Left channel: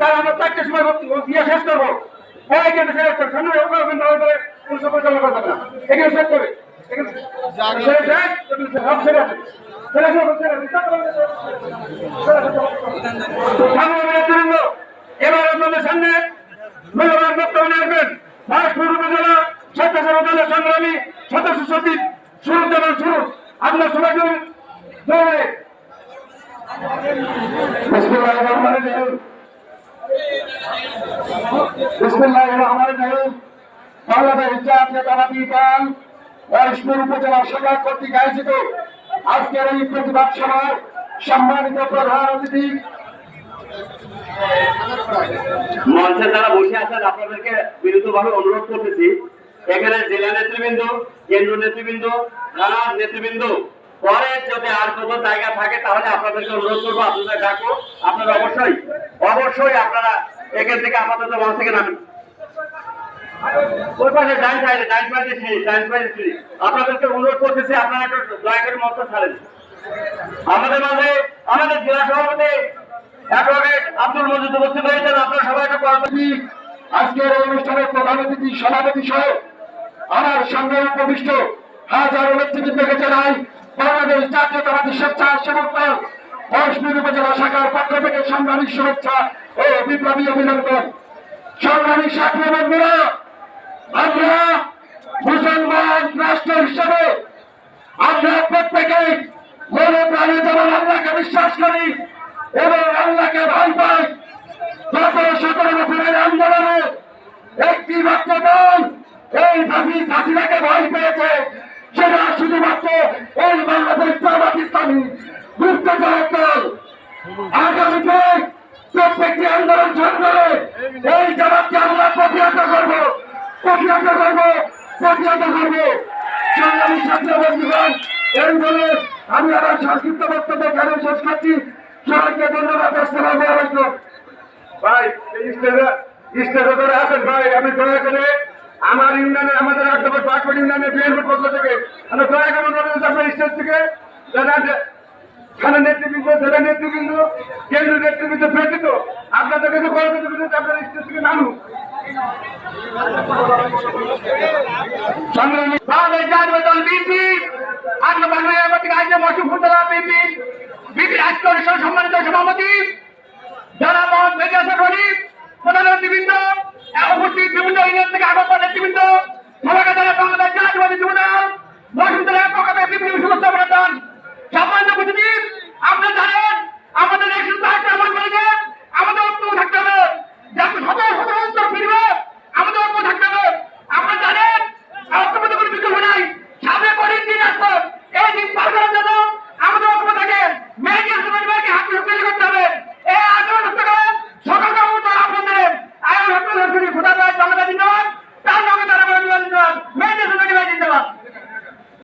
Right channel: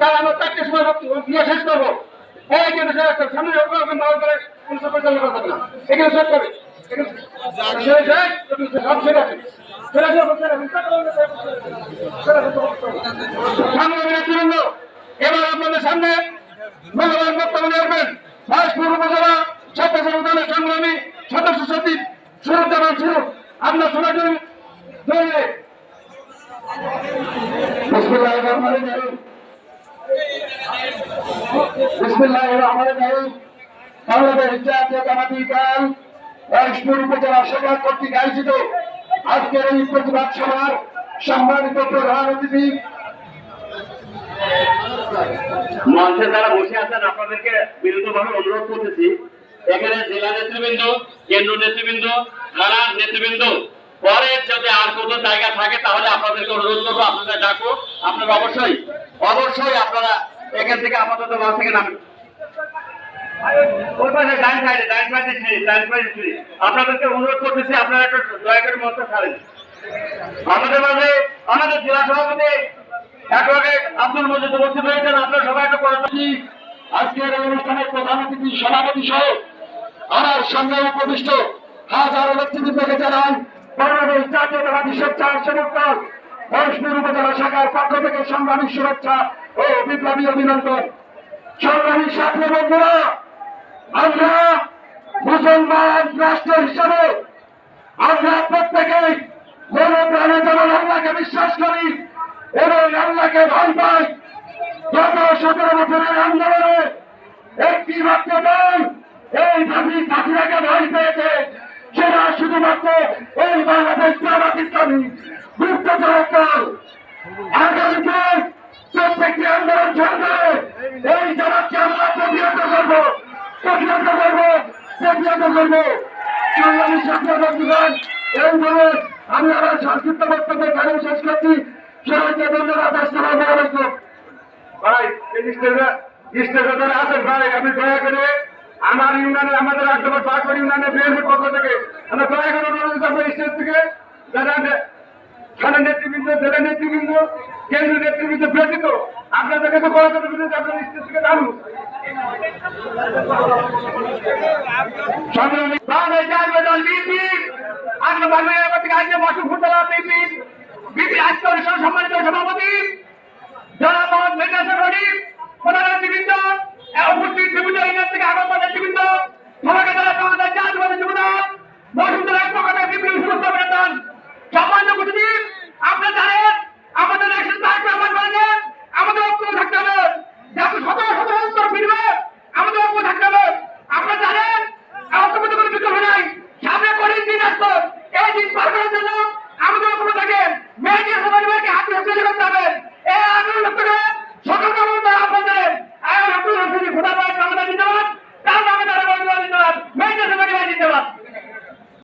তাই আমরা 4টার সময় ইয়ে শেষ করবো। এই কিন্তু শেষ করবো, সামনে না হয়ে পরে কোনো পরিচালনা করতে না, এখানে শেষ করবে। এবার আপনাদের সামনে মূল্যবান বক্তব্য রাখবেন মহেশপুর উপজেলা স্বেচ্ছাসেবক দলের সংগ্রামী সদস্য সচিব সুরুজ্জামান সুরু। আপনার সবাই বাংলাদেশ জাতীয়তাবাদী দল মহেশপুর উপজেলা শাখা কর্তৃক আয়োজিত আজকের এই প্রতিবাদ সভার সম্মানিত প্রধান অতিথি মঞ্চে যারা বসে আছেন আপনাদেরকে বিনীতভাবে অনুরোধ করতেছি, এখানে জেলা নেতৃবৃন্দ, কেন্দ্র নেতৃবৃন্দ, থানার নেতৃবৃন্দ, পরে যদি আর কোনো জায়গা থাকে তাহলে আপনাদেরকে অনুরোধ করবো, আপনাদের ডাকবো, আপনারা অবশ্যই আপনারা এখান থেকে আপাতত মঞ্চ থেকে নামেন। ওই পাশে ডাইন সাইডে আপনাদেরকে অনুরোধ করতেছি আপনারা একটু দয়া করে মঞ্চ ছাড়েন। আমাদের মাঝে আমাদের জেলা সভাপতি আব্দুল মজিদ উপস্থিত হয়েছেন, আপনারা সবাই একটু কর্মসূচি। আজকের এই অনুষ্ঠানের প্রধান অতিথি সভাপতি সহ আমার সঙ্গে উপবিষ্ট হাজারো নেতৃবৃন্দকে জানাই বাংলাদেশ জাতীয়তাবাদী স্বেচ্ছাসেবক দল মহেশপুর উপজেলা শাখার পক্ষ থেকে সংগ্রামী শুভেচ্ছা ও বিপ্লবী অভিনন্দন। সংগ্রামী সাথী বন্ধুরা, আমরা মুসলমান রাষ্ট্র হিসাবে আমরা প্রত্যেকেই মনে প্রাণে যেমন আল্লাহকে বিশ্বাস করি এবং আল্লাহকে ভয় পাই। গত 17 বছরের আন্দোলনে একটি মাত্র দল এই ফাঁসিরাকে ভয় পেয়েছে, সেটা শুধুমাত্র এই বাংলাদেশ জামাত ইসলামী গুপ্তচর দল। আগামীতে প্রত্যেকটি আন্দোলন সংগ্রামে এই জামাতকে আমরা প্রতিহত করবো। সংগ্রামী ছাত্র বন্ধুগণ, এই বলে আমি আমার সংক্ষিপ্ত বক্তব্য কেন শেষ করছি। সবাইকে ধন্যবাদ। আসসালামু আলাইকুম। ভাই স্টেজে যারা আছেন ভাই, আমি দয়া করে আমার ইউনিয়নের আমাদের 8 নম্বর পাঁচপুর ইউনিয়নের বিএনপির পক্ষ থেকে আমরা দয়া করে অনুরোধ আপনার স্টেজ থেকে যারা থানার নেতৃবৃন্দ, জেলা নেতৃবৃন্দ, কেন্দ্রীয় নেতৃবৃন্দ ব্যতীত আপনাদের কাছে বলা নেতৃবৃন্দ আপনার স্টেজ থেকে নামুন। সংগ্রামী বাংলাদেশ জাতীয় দল বিএনপি আজকে বাংলাদেশ রাজ্যে মশুফুদ্দোলা বিএনপি আজকের সম্মানিত সভাপতি যারা মোহাম্মদ মেজাজ রনি প্রধান নেতৃবৃন্দ, উপস্থিত বিভিন্ন ইউনিয়ন থেকে আগত নেতৃবৃন্দ, সবাইকে যারা বাংলাদেশ জাতীয়বাদী যুব দল মশুফুদ্দোলা পক্ষ থেকে বিপ্লবী শুভেচ্ছা অভিনন্দন। সম্মানিত উপস্থিতি, আপনারা জানেন